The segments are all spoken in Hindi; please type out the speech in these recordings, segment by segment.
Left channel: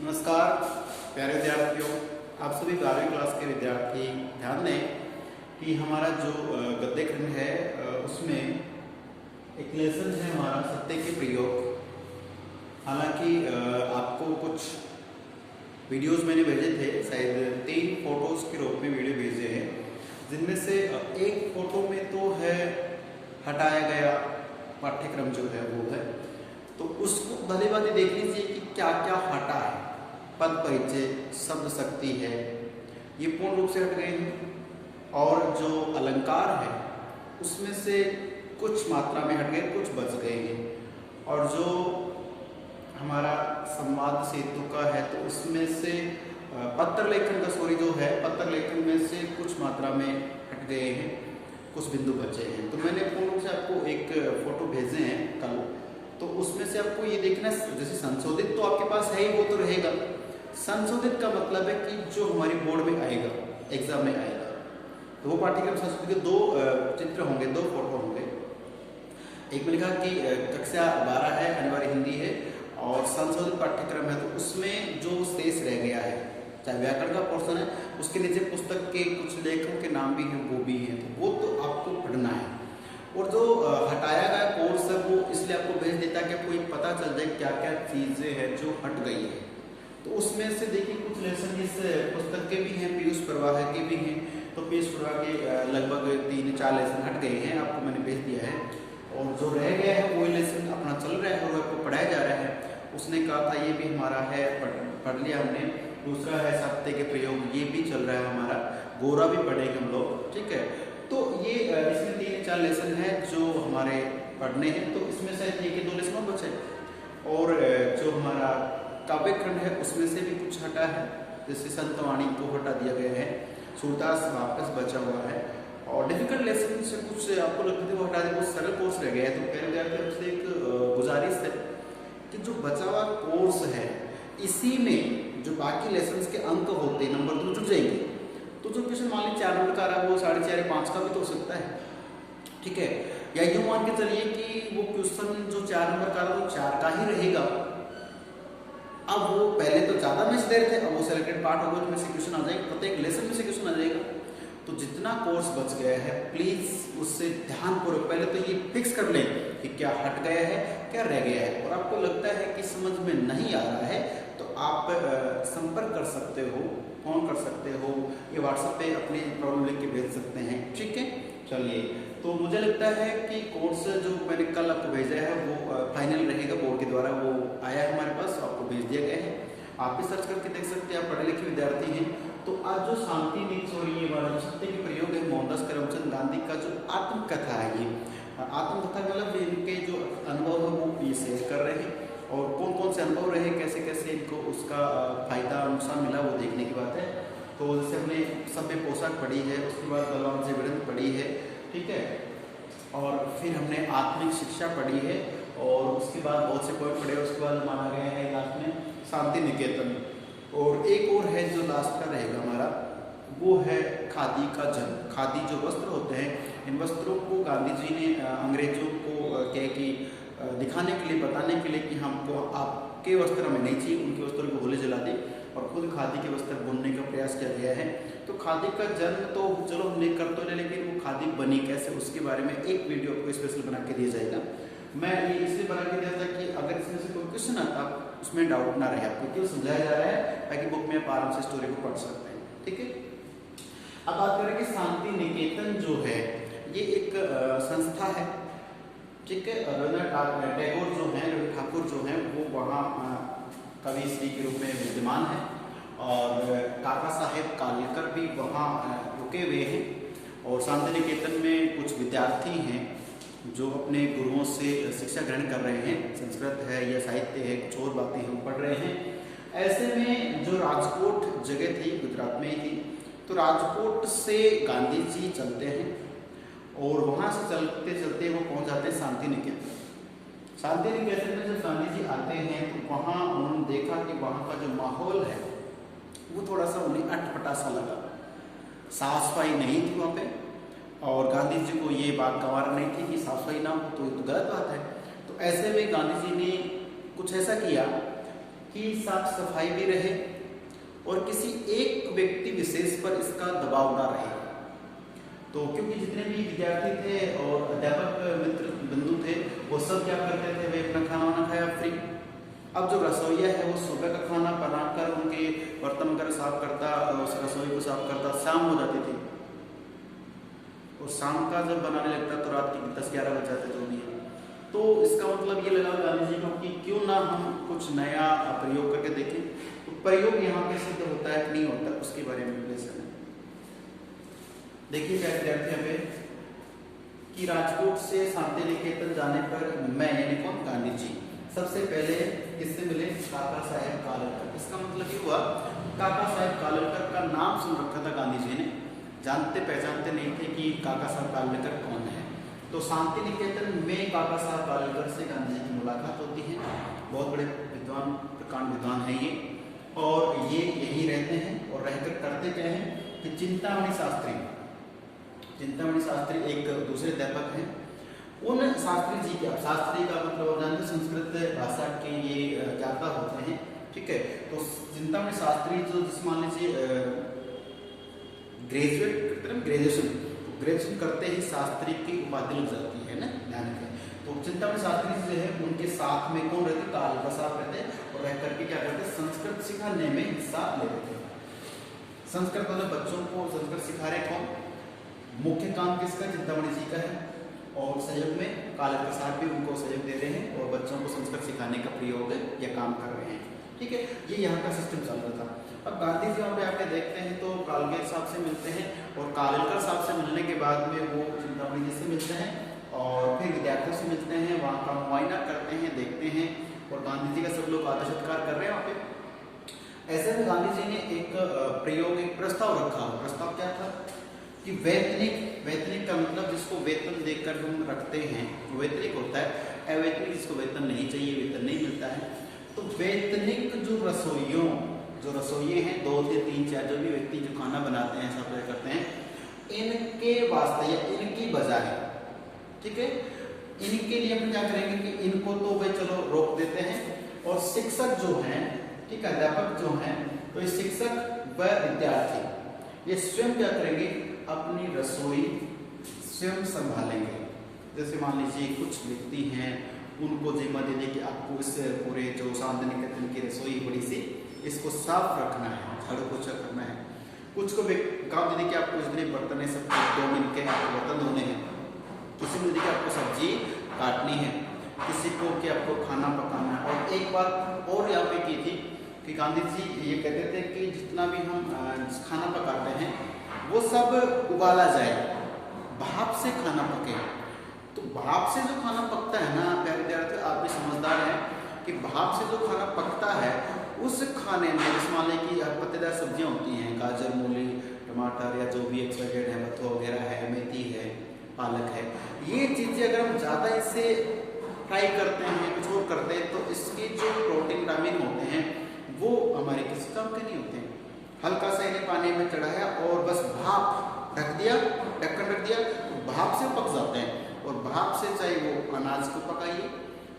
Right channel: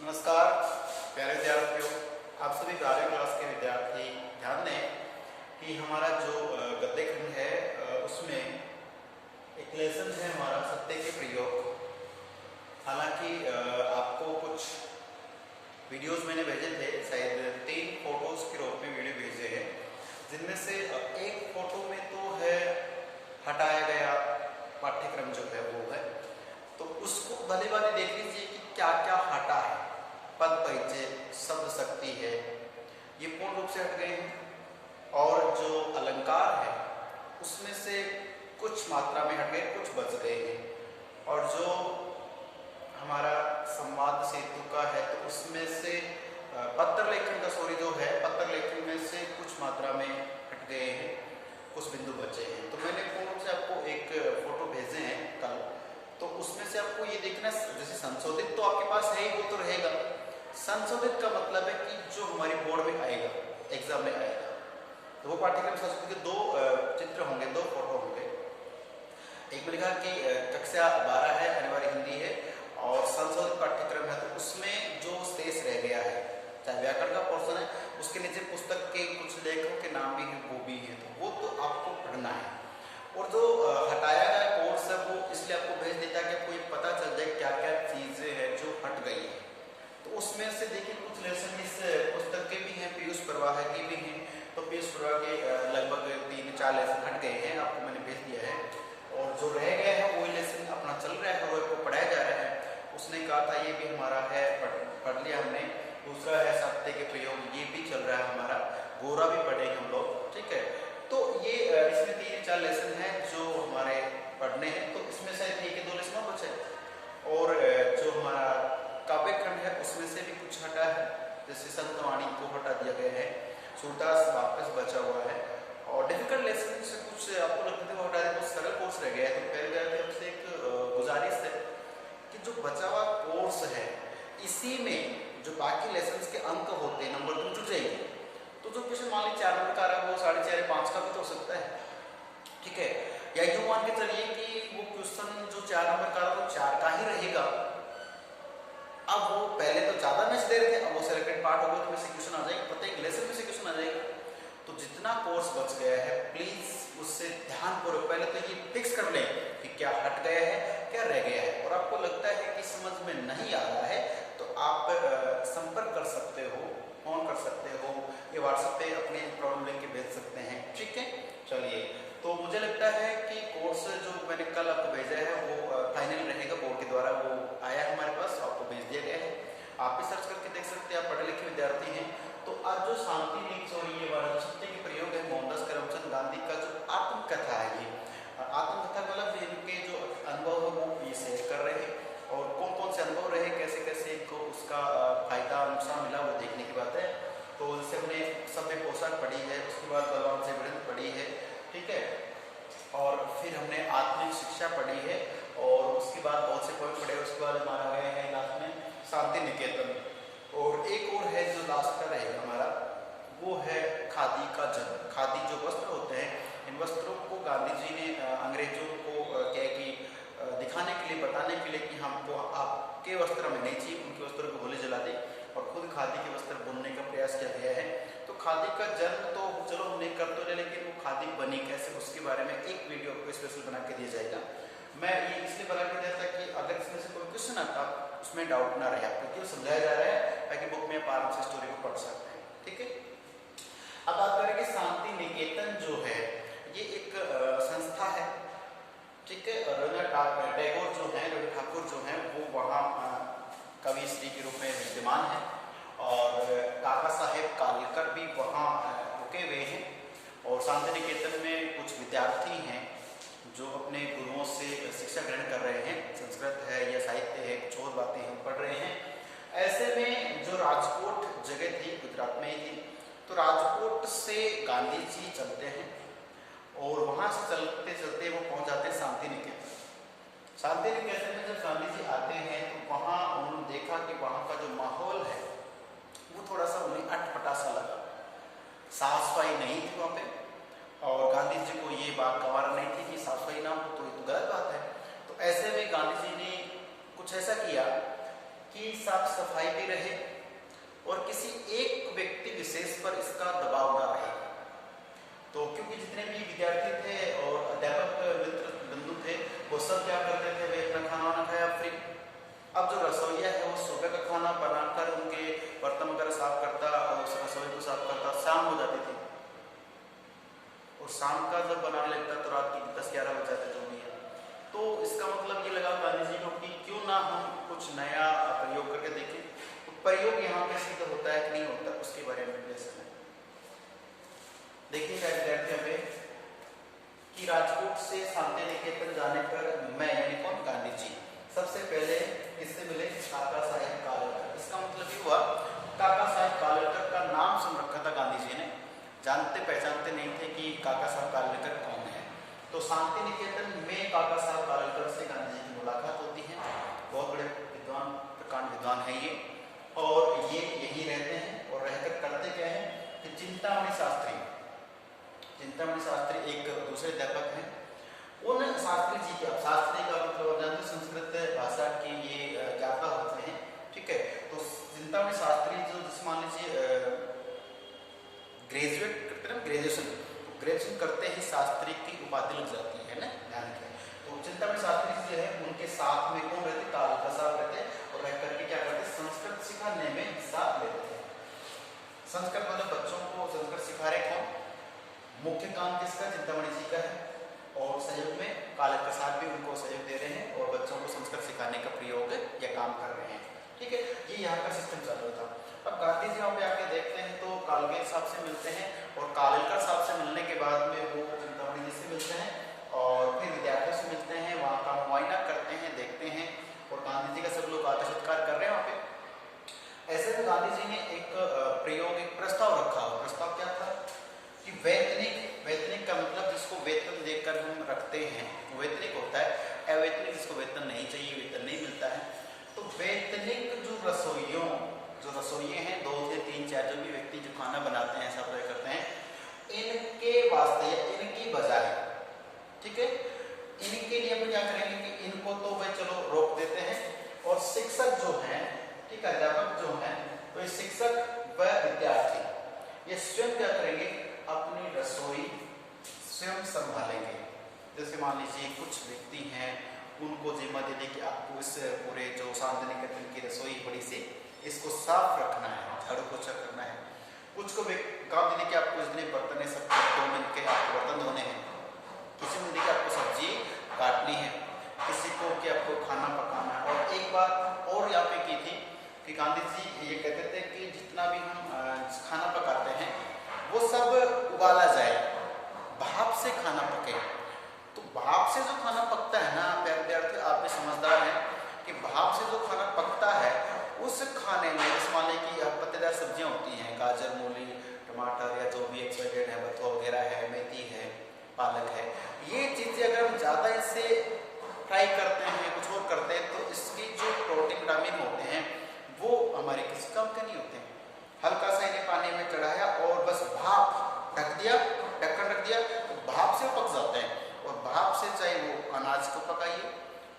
नमस्कार प्यारे विद्यार्थियों, आप सभी 12वीं क्लास के विद्यार्थी ध्यान दें कि हमारा जो गद्य खंड है उसमें एक लेसन है हमारा सत्य के प्रयोग। हालांकि आपको कुछ वीडियोस मैंने भेजे थे, शायद 3 फोटोज के रूप में वीडियो भेजे हैं, जिनमें से एक फोटो में तो है हटाया गया पाठ्यक्रम जो है वो है, तो उसको भले भले देख लीजिए कि क्या क्या हटा है। पद परिचय, शब्द शक्ति है, ये पूर्ण रूप से हट गए हैं, और जो अलंकार है उसमें से कुछ मात्रा में हट गए, कुछ बच गए हैं। और जो हमारा संवाद सेतु का है तो उसमें से पत्र लेखन का जो है पत्र लेखन में से कुछ मात्रा में हट गए हैं, कुछ बिंदु बचे हैं। तो मैंने पूर्ण रूप से आपको एक फोटो भेजे हैं कल, तो उसमें से आपको ये देखना, जैसे संशोधित तो आपके पास है ही, वो तो रहेगा। संशोधित का मतलब है कि जो हमारी बोर्ड में आएगा, एग्जाम में आएगा, तो वो पाठ्यक्रम संस्कृत के 2 चित्र होंगे, 2 फोटो होंगे। एक में लिखा कि कक्षा 12 है, अनिवार्य हिंदी है, और संशोधित पाठ्यक्रम है, तो उसमें जो शेष रह गया है, चाहे व्याकरण का पोर्शन है, उसके नीचे पुस्तक के कुछ लेखकों के नाम भी हैं, वो भी हैं, तो वो तो आपको पढ़ना है। और जो हटाया गया कोर्स है वो इसलिए आपको भेज देता है कि आपको ये पता चल जाए क्या क्या चीजें हैं जो हट गई है। तो उसमें से देखिए कुछ लेसन इस पुस्तक के भी हैं, पीयूष प्रवाह के भी हैं, तो पीयूष प्रवाह के लगभग 3-4 लेसन हट गए हैं, आपको मैंने भेज दिया है। और जो रह गया है वो लेसन अपना चल रहा है, वो आपको पढ़ाया जा रहा है। उसने कहा था ये भी हमारा है, पढ़ लिया हमने। दूसरा है सत्य के प्रयोग, ये भी चल रहा है हमारा, गोरा भी पढ़ेंगे हम लोग, ठीक है। तो ये इसमें 3-4 लेसन है जो हमारे पढ़ने हैं, तो इसमें शायद 1-2 लेसन और बचे। और जो हमारा काव्य खंड है उसमें से भी कुछ हटा है, जैसे संतवाणी को हटा दिया गया है, सूरदास वापस बचा हुआ है, और डिफिकल्ट लेसन से कुछ आपको लगता है वो हटा दिया, कुछ सरल कोर्स रह गया है। तो पहले तरफ से एक गुजारिश है कि जो बचा हुआ कोर्स है इसी में जो बाकी लेसन के अंक होते हैं, नंबर 2 जुड़ जाएंगे। तो जो क्वेश्चन मान लीजिए 4 नंबर का आ रहा है वो 4.5 5 का भी तो हो सकता है, ठीक है। या यूं मान के चलिए कि वो क्वेश्चन जो 4 नंबर का आ रहा है वो 4 का ही रहेगा। अब वो पहले तो ज्यादा मैच दे रहे थे, अब वो सिलेक्टेड पार्ट होगा, उसमें से क्वेश्चन आ जाएगा, प्रत्येक लेसन में से क्वेश्चन आ जाएगा। तो जितना कोर्स बच गया है प्लीज उससे ध्यानपूर्वक पहले तो ये फिक्स कर लें कि क्या हट गया है, क्या रह गया है। और आपको लगता है कि समझ में नहीं आ रहा है तो आप संपर्क कर सकते हो, फोन कर सकते हो, ये व्हाट्सएप पे अपनी प्रॉब्लम लिख के भेज सकते हैं, ठीक है। चलिए, तो मुझे लगता है कि कोर्स जो मैंने कल आपको भेजा है वो फाइनल रहेगा, बोर्ड के द्वारा वो आया है हमारे पास, आपको भेज दिया गया है। आप भी सर्च करके देख सकते हैं, आप पढ़े लिखे विद्यार्थी हैं। तो आज जो शांति नीति और ये वाला जो सत्य के प्रयोग है, मोहनदास करमचंद गांधी का जो आत्मकथा है, ये आत्मकथा मतलब इनके जो अनुभव है वो ये शेयर कर रहे हैं, और कौन कौन से अनुभव रहे, कैसे कैसे इनको उसका फायदा नुकसान मिला वो देखने की बात है। तो जैसे हमने सभ्य पोशाक पढ़ी है, उसके बाद बलवान से वृंद पढ़ी है, ठीक है, और फिर हमने आत्मिक शिक्षा पढ़ी है, और उसके बाद बहुत से पॉइंट पढ़े। उसके बाद माना गया है लास्ट में शांति निकेतन, और एक और है जो लास्ट का रहेगा हमारा, वो है खादी का जन्म। खादी जो वस्त्र होते हैं, इन वस्त्रों को गांधी जी ने अंग्रेजों को क्या कि दिखाने के लिए, बताने के लिए कि हमको आपके वस्त्र हमें नहीं चाहिए, उनके वस्त्रों को गोली जला दी और खुद खादी के वस्त्र बुनने का प्रयास किया गया है। तो खादी का जन्म तो चलो हम नहीं कर तो रहे, लेकिन वो खादी बनी कैसे उसके बारे में एक वीडियो आपको स्पेशल बना के दिया जाएगा। मैं ये इसलिए बना के दिया था कि अगर इसमें से कोई क्वेश्चन आता उसमें डाउट ना रहे, आपको क्यों समझाया जा रहा है ताकि बुक में आप आराम से स्टोरी को पढ़ सकते हैं, ठीक है। अब बात करें कि शांति निकेतन जो है ये एक संस्था है, ठीक है। रविन्द्रनाथ टैगोर जो है, रवि ठाकुर जो है वो वहाँ कवि श्री के रूप में विद्यमान है, और काका साहेब कालेलकर भी वहाँ रुके हुए हैं। और शांति निकेतन में कुछ विद्यार्थी हैं जो अपने गुरुओं से शिक्षा ग्रहण कर रहे हैं, संस्कृत है या साहित्य है, कुछ और बातें हम पढ़ रहे हैं। ऐसे में जो राजकोट जगह थी, गुजरात में ही थी, तो राजकोट से गांधी जी चलते हैं, और वहां से चलते चलते वो पहुंच जाते हैं शांति निकेतन। शांति निकेतन में जब गांधी जी आते हैं तो वहां उन्होंने देखा कि वहां का जो माहौल है वो थोड़ा सा उन्हें अटपटा सा लगा, साफ सफाई नहीं थी वहां पे, और गांधी जी को ये बात गवारा नहीं थी कि साफ सफाई ना हो तो ये तो गलत बात है। तो ऐसे में गांधी जी ने कुछ ऐसा किया कि साफ सफाई भी रहे और किसी एक व्यक्ति विशेष पर इसका दबाव ना रहे। तो क्योंकि जितने भी विद्यार्थी थे और अध्यापक मित्र बंधु थे वो सब क्या करते थे, वे अपना खाना वाना खाया फ्री। अब जो रसोईया है वो सुबह का खाना बनाकर उनके बर्तन वगैरह साफ करता और उस रसोई को साफ करता, शाम हो जाती थी और शाम का जब बनाने लगता तो रात की 10-11 बज जाते जो भी है। तो इसका मतलब ये लगा गांधी जी को कि क्यों ना हम कुछ नया प्रयोग करके देखें। तो प्रयोग यहाँ पे सिद्ध होता है कि नहीं होता उसके बारे में विश्लेषण है। देखिए क्या विद्यार्थी पे कि राजकोट से शांति निकेतन जाने पर मैं यानी कौन, गांधी जी सबसे पहले किससे मिले, काका साहेब कालेलकर। इसका मतलब ये हुआ काका साहेब कालेलकर का नाम सुन रखा था गांधी जी ने, जानते पहचानते नहीं थे कि काका साहब कालेलकर कौन है। तो शांति निकेतन में काका साहब कालेलकर से गांधी जी की मुलाकात होती है। बहुत बड़े विद्वान, प्रकांड विद्वान है ये, और ये यही रहते हैं और रहकर करते क्या है कि चिंतामणि शास्त्री एक दूसरे अध्यापक हैं, उन शास्त्री जी के, शास्त्री का मतलब संस्कृत भाषा के ये ज्ञाता होते हैं, ठीक है। तो चिंतामणि शास्त्री जो जिस मान लीजिए ग्रेजुएशन करते ही शास्त्री की उपाधि लग जाती है ना, ध्यान रखें। तो चिंतामणि शास्त्री जो है उनके साथ में कौन रहते, कालेलकर साहब रहते और रह करके क्या करते, संस्कृत सिखाने में हिस्सा लेते थे। संस्कृत मतलब बच्चों को संस्कृत सिखा रहे कौन, मुख्य काम किसका, चिंतामणि जी का है, और सहयोग में कालेलकर साहब भी उनको सहयोग दे रहे हैं और बच्चों को संस्कृत सिखाने का प्रयोग या काम कर रहे हैं, ठीक है। ये यहाँ का सिस्टम चल रहा था। अब गांधी जी वहाँ पे आके देखते हैं तो कालेलकर साहब से मिलते हैं और कालेलकर साहब से मिलने के बाद में वो चिंतामणि जी से मिलते हैं और फिर विद्यार्थियों से मिलते हैं, वहाँ का मुआयना करते हैं, देखते हैं और गांधी जी का सब लोग आदर सत्कार कर रहे हैं वहाँ पे। ऐसे में गांधी जी ने एक प्रयोग, एक प्रस्ताव रखा। प्रस्ताव क्या था कि वैतनिक का मतलब जिसको वेतन देकर हम रखते हैं वैतनिक होता है, अवैतनिक जिसको वेतन नहीं चाहिए, वेतन नहीं मिलता है। तो वैतनिक जो रसोइये हैं, 2 से 3 4 जो भी व्यक्ति जो खाना बनाते हैं, सप्लाई करते हैं, इनके वास्ते या इनकी बजाय, ठीक है, इनके लिए हम क्या करेंगे कि इनको तो भाई चलो रोक देते हैं और शिक्षक जो हैं, ठीक है, अध्यापक जो हैं, तो ये शिक्षक व विद्यार्थी ये स्वयं क्या करेंगे, अपनी रसोई स्वयं संभालेंगे। जैसे मान लीजिए कुछ व्यक्ति हैं, उनको जिम्मा दे दी कि आपको इस पूरे जो शांति निकेतन की रसोई बड़ी सी, इसको साफ रखना है, झाड़ू पोछा करना है। कुछ को काम दे दी कि आपको उस दिन बर्तन सब 2 मिनट के आपको बर्तन धोने हैं, किसी को दे कि आपको सब्जी काटनी है, किसी को कि आपको खाना पकाना है। और एक बात और यहाँ पे की थी कि गांधी जी ये कहते थे कि जितना भी हम खाना पकाते हैं वो सब उबाला जाए, भाप से खाना पके। तो भाप से जो खाना पकता है ना प्यारे विद्यार्थी, आप भी समझदार हैं कि भाप से जो खाना पकता है उस खाने में जैसे मान लीजिए कि पत्तेदार सब्जियां होती हैं, गाजर, मूली, टमाटर या जो भी एक्सट्रा है, बथुआ वगैरह है, मेथी है, पालक है, ये चीजें अगर हम ज्यादा इससे फ्राई करते हैं, कुछ और करते हैं, तो इसके जो प्रोटीन विटामिन होते हैं वो हमारे किसी काम के नहीं होते हैं। हल्का सा इन्हें पानी में चढ़ाया और बस भाप ढक दिया, ढक्कन रख दिया, तो भाप से पक जाते हैं। और भाप से चाहे वो अनाज को पकाइए,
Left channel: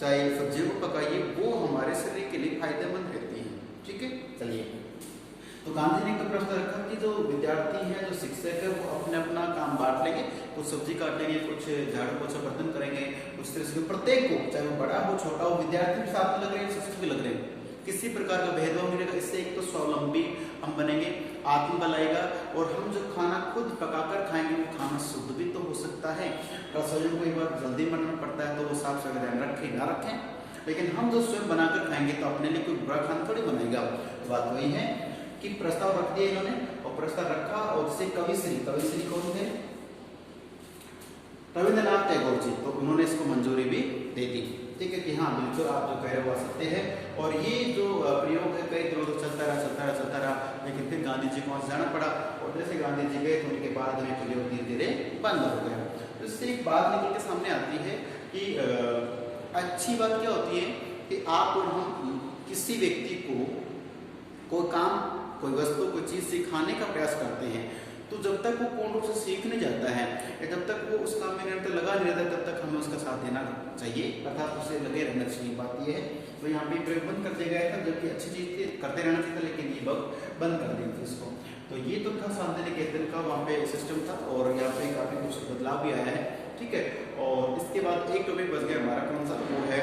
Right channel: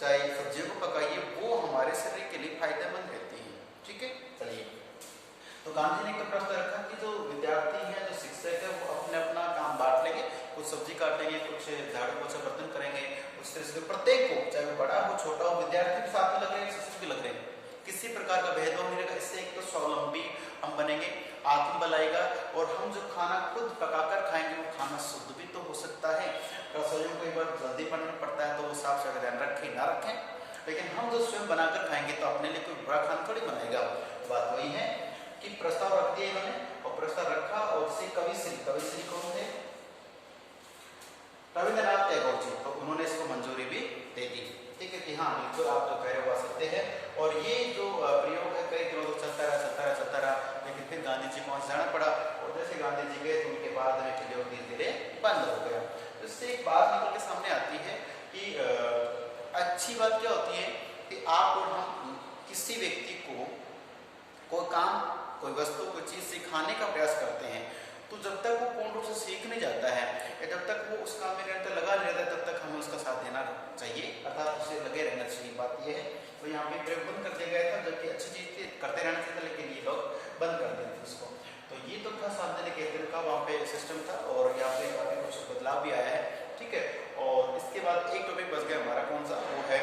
चाहे सब्जियों को पकाइए, वो हमारे शरीर के लिए फायदेमंद रहती है, ठीक है। चलिए, तो गांधी ने तो प्रश्न रखा कि जो विद्यार्थी हैं, जो शिक्षक है, वो अपने अपना काम बांट लेंगे, कुछ सब्जी काटेंगे, कुछ झाड़ू पोछा बर्तन करेंगे, उस तरह से प्रत्येक को, चाहे वो बड़ा हो छोटा हो, विद्यार्थी भी साथ में लग रहे हैं, शिक्षक भी लग रहे हैं, किसी प्रकार का भेदभाव नहीं रहेगा। इससे एक तो स्वावलंबी हम बनेंगे, आत्मबल आएगा और हम जो खाना खुद पकाकर खाएंगे वो खाना शुद्ध भी तो हो सकता है। रसोइयों को एक बार जल्दी बनाना पड़ता है तो वो साफ सफाई ध्यान रखें ना रखें, लेकिन हम जो स्वयं बनाकर खाएंगे तो अपने लिए कोई बुरा खाना थोड़ी बनाएगा। बात वही है कि प्रस्ताव रख दिया इन्होंने और प्रस्ताव रखा और उससे कविश्री कौन थे, रविंद्रनाथ टैगोर जी, तो उन्होंने इसको मंजूरी भी दे दी, ठीक है कि हाँ बिल्कुल आप जो कह रहे हो सकते हैं। और ये जो प्रयोग है कई दिनों तक चलता रहा, लेकिन फिर गांधी जी को वहां जाना पड़ा और जैसे गांधी जी गए तो उनके बाद में प्रयोग धीरे धीरे बंद हो गया। तो इससे एक बात निकल के सामने आती है कि अच्छी बात क्या होती है कि आप और हम किसी व्यक्ति को कोई काम, कोई वस्तु, कोई चीज सिखाने का प्रयास करते हैं, तो जब तक वो पूर्ण रूप से सीख नहीं जाता है या जब तक वो उस काम में निरंतर लगा चलता नहीं रहता तब तक हमें उसका साथ देना चाहिए, अर्थात उसे लगे रहना चाहिए। बात ये है तो यहाँ पे प्रयोग बंद कर दिया गया था, जबकि अच्छी चीज थी, करते रहना चाहिए, लेकिन ये लोग बंद कर दिए थे इसको। तो ये तो था सामने केंद्र का वहाँ पे सिस्टम था, और यहाँ पे काफी कुछ बदलाव भी आया है, ठीक है। और इसके बाद एक टॉपिक बच गया हमारा, कौन सा, वो है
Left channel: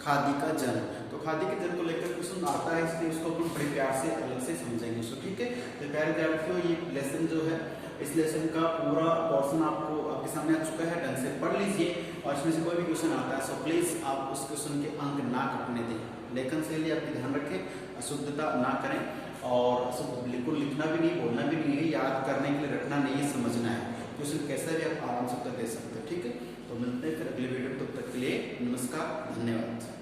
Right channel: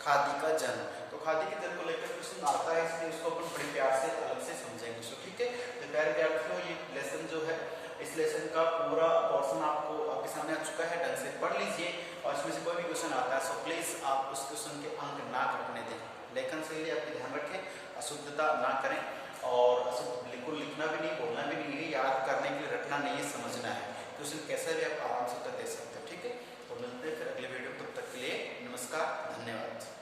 खादी का जल। तो खादी के जल को लेकर क्वेश्चन आता है, इसलिए इसको अपन बड़े प्यार से अलग से समझेंगे, सो ठीक है। तो प्यारे विद्यार्थियों, ये लेसन जो है, इस लेसन का पूरा पोर्शन आपको आपके सामने आ चुका है, ढंग से पढ़ लीजिए, और इसमें से कोई भी क्वेश्चन आता है सो प्लीज आप उस क्वेश्चन के अंक ना कटने दें। लेखन शैली आपकी ध्यान रखें, अशुद्धता ना करें, और अशुद्ध बिल्कुल लिखना भी नहीं, बोलना भी नहीं है, याद करने के लिए रखना नहीं, समझना है। क्वेश्चन कैसा भी आप आराम से उत्तर दे सकते हो, ठीक है। तो मिलते हैं फिर अगले वीडियो, तब तक के लिए नमस्कार, धन्यवाद।